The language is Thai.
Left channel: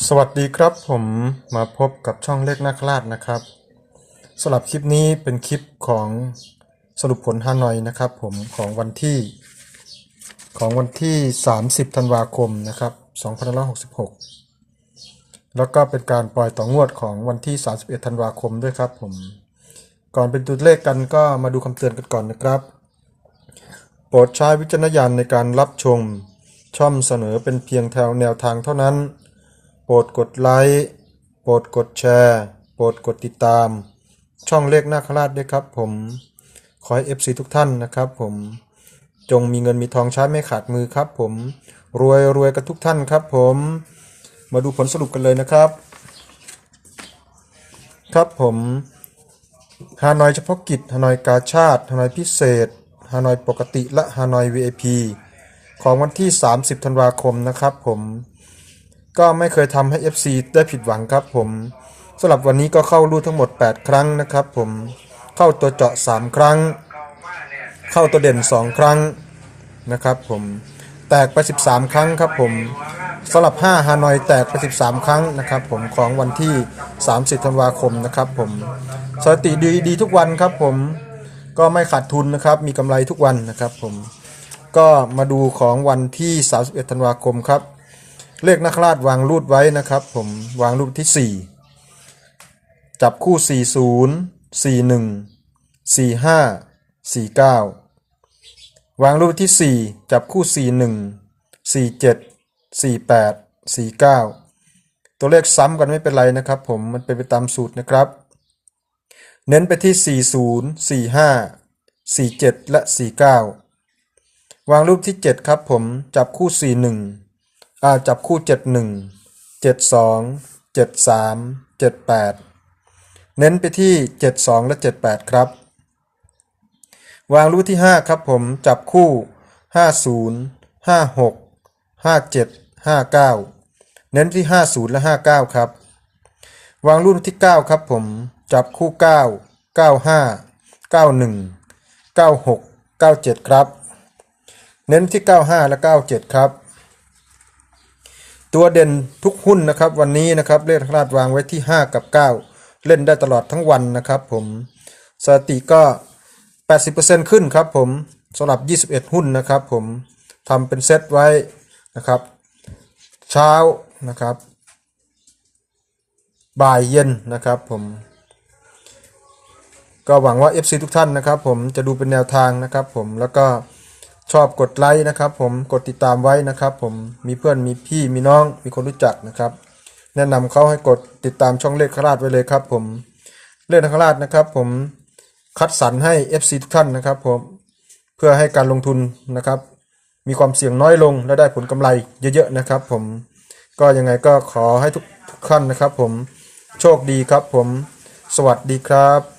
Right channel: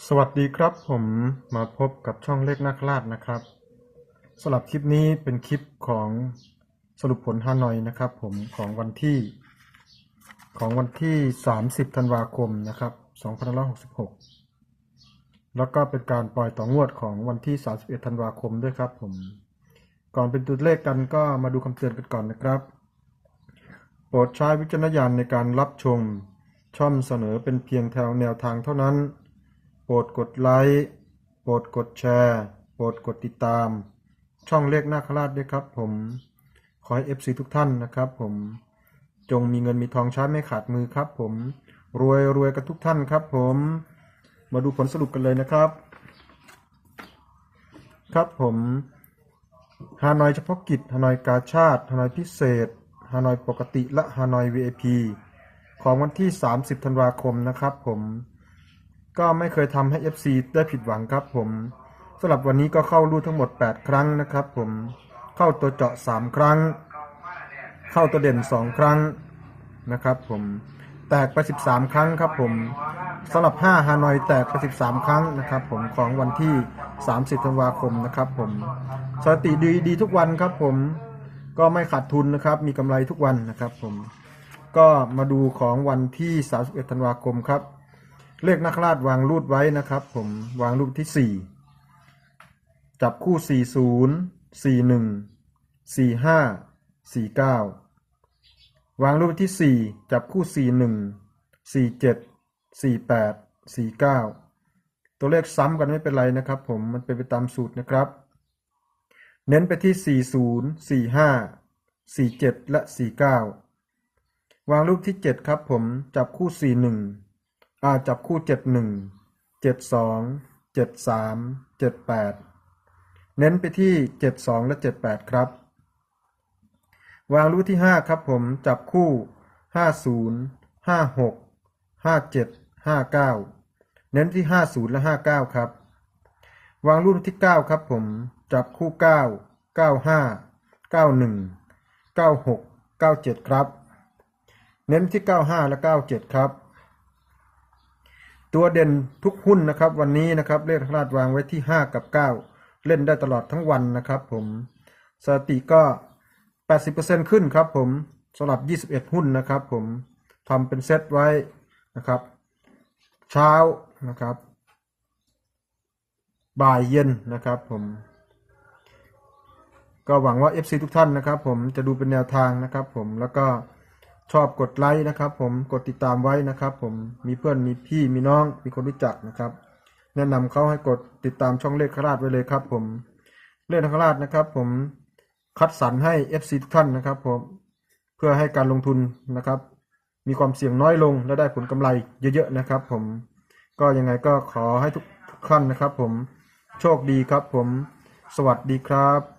สวัสดีครับผมมาพบกับช่องเลขนาคราชนะครับสำหรับคลิปนี้เป็นคลิปของสรุปผลฮานอยนะครับ ผมของวันที่ ของวันที่ 30 ธันวาคมนะครับ2566 แล้วก็เป็นการปล่อยต่องวดของวันที่ 31 ธันวาคมด้วยครับผมก่อนเป็นตัวเลขกันก็มาดูคำเตือนกันก่อนนะครับ โปรดใช้วิจารณญาณในการรับชมช่องเสนอเป็นเพียงแถวแนวทางเท่านั้น รดกดไลค์โปรดกดแชร์โปรดกดติดตาม ช่องเลขนาคราชด้วยครับผมขอให้ FC ทุกท่านนะครับผมจงมีเงินมีทองใช้ไม่ขาดมือครับผมรวยรวยกันทุกท่านครับผมมาดูผลสรุปกันเลยนะครับ ครับผมฮานอยเฉพาะกิจฮานอยกาชาติฮานอยพิเศษฮานอยปกติและฮานอย VIP ของวันที่ 30 ธันวาคมนะครับผม ก็ไม่เคยทำให้ FC ได้ผิดหวังครับผมสำหรับวันนี้ก็เข้ารูทั้งหมด 8 ครั้งนะครับผมเข้าตัวเจาะ 3 ครั้ง เข้าตัวเด่น 2 ครั้งนะครับผมแตกไป 13 ครั้งครับผมสำหรับ 5 ฮานอยแตกไป 13 ครั้งนะครับผมของวันที่ 30 ธันวาคมนะครับผมสถิติดีดีทุกวันครับผมก็ไม่ขาดทุนนะครับมีกำไรทุกวันนะครับผมก็มาดูของวันที่ 31 ธันวาคมครับ เลขนักราชวางรูดไว้นะครับ ผมวางรูดที่ 4 จับคู่ 40 41 45 49 วางรูปที่ 4 จับคู่ 41 47 48 49 ตัวเลขซ้ำกันไม่เป็นไรนะครับ ผมมันเป็นไปตามสูตรนะครับ เน้นไปที่ 40 45 47 และ 49 วางรูปที่ 7 ครับผมจับคู่ 41 อ่าจับคู่71 72 73 78เน้นไปที่72และ78ครับ วางรูปที่5ครับผมจับคู่50 56 57 59เน้นที่50และ59ครับ วางรูปที่9ครับผม จับคู่9 95 91 96 97ครับ เน้นที่95และ97ครับ ตัวเด่นทุกหุ้นนะครับ วันนี้นะครับเลขคราดวางไว้ที่ 5 กับ 9 เล่นได้ตลอดทั้งวันนะครับ ผมสถิติก็ 80%ขึ้นครับผมสำหรับ 21 หุ้นนะครับ ผมทำเป็นเซตไว้นะครับ เช้านะครับ บ่ายเย็นนะครับผมก็หวังว่า FC ทุกท่านนะครับ ผมจะดูเป็นแนวทางนะครับ ผมแล้วก็ ชอบกดไลค์นะครับ ผมกดติดตามไว้นะครับ ผมมีเพื่อนมีพี่มีน้องมีคนรู้จักนะครับ แนะนำเขาให้กดติดตามช่องเลขคราชไว้เลยครับ ผมเลขคราชนะครับ ผมคัดสรรให้ FC ทุกท่านนะครับ ผมเพื่อให้การลงทุนนะครับ มีความเสี่ยงน้อยลงและได้ผลกำไรเยอะๆนะครับ ผมก็ยังไงก็ขอให้ทุกท่านนะครับ ผมโชคดีครับ ผมสวัสดีครับ